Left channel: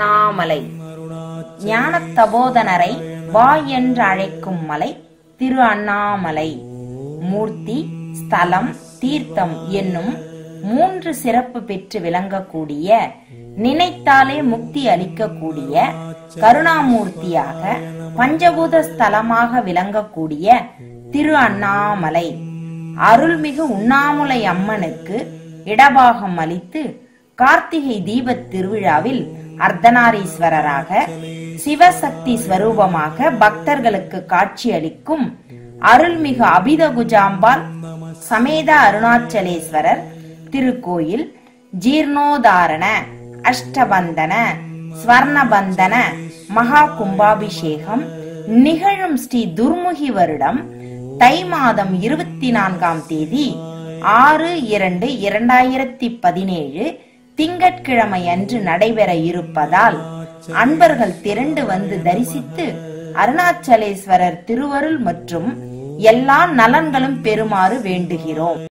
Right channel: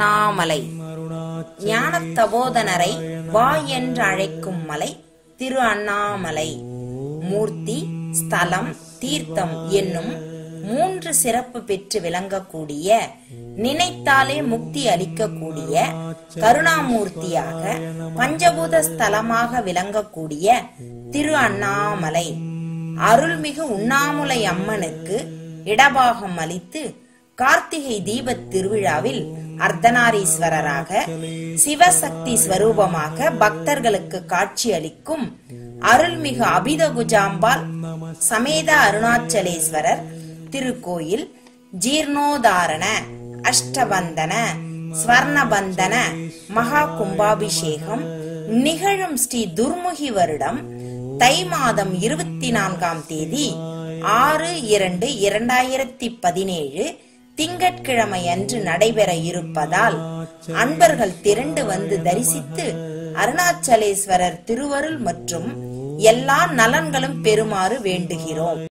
அண்ணாமலை. ஞான தபோதனரை வா என்று அழைக்கும் மலை திரு அண்ணாமலை. மூர்த்தி, ஸ்தலம், தீர்த்தம் என்னும் 3 சிறப்பு பெற்று விளங்கக்கூடிய, நினைத்தாலே முக்தி அளிக்கக்கூடிய, கருணாமூர்த்தியாக பஞ்சபூத ஸ்தலமாக விளங்கக்கூடிய திரு அண்ணாமலை. அருள்மிகு உண்ணாமுலை அம்மனுக்கு இடபாகம் அளித்து கார்த்திகை தீபத் திருவிழாவில் அர்த்தநாரீஸ்வரராக சிவசக்தி ஸ்வரூபமாக பக்தர்களுக்கு காட்சி அளிக்கும் அருள்மிகு அபிதகுஜாம்பாள் சமேத அருணாச்சலேஸ்வரர் திருக்கோயில் ஜீர்ணோதாரண, அஷ்டபந்தன, ஸ்வர்ணபந்தன மகா கும்பாபிஷேகம் நிகழும் ஸ்ரீ துர்முகி வருடம் தை மாதம் 24ஆம் தேதி 6/2/2017 திங்கட்கிழமை அன்று நடைபெற இருப்பதால் அன்பர்கள் திரண்டு வந்து தரிசித்து அருணாச்சலேஸ்வரர் திருவருள் மற்றும் எல்லா நலன்களும் பெறுமாறு வேண்டுகிறோம்.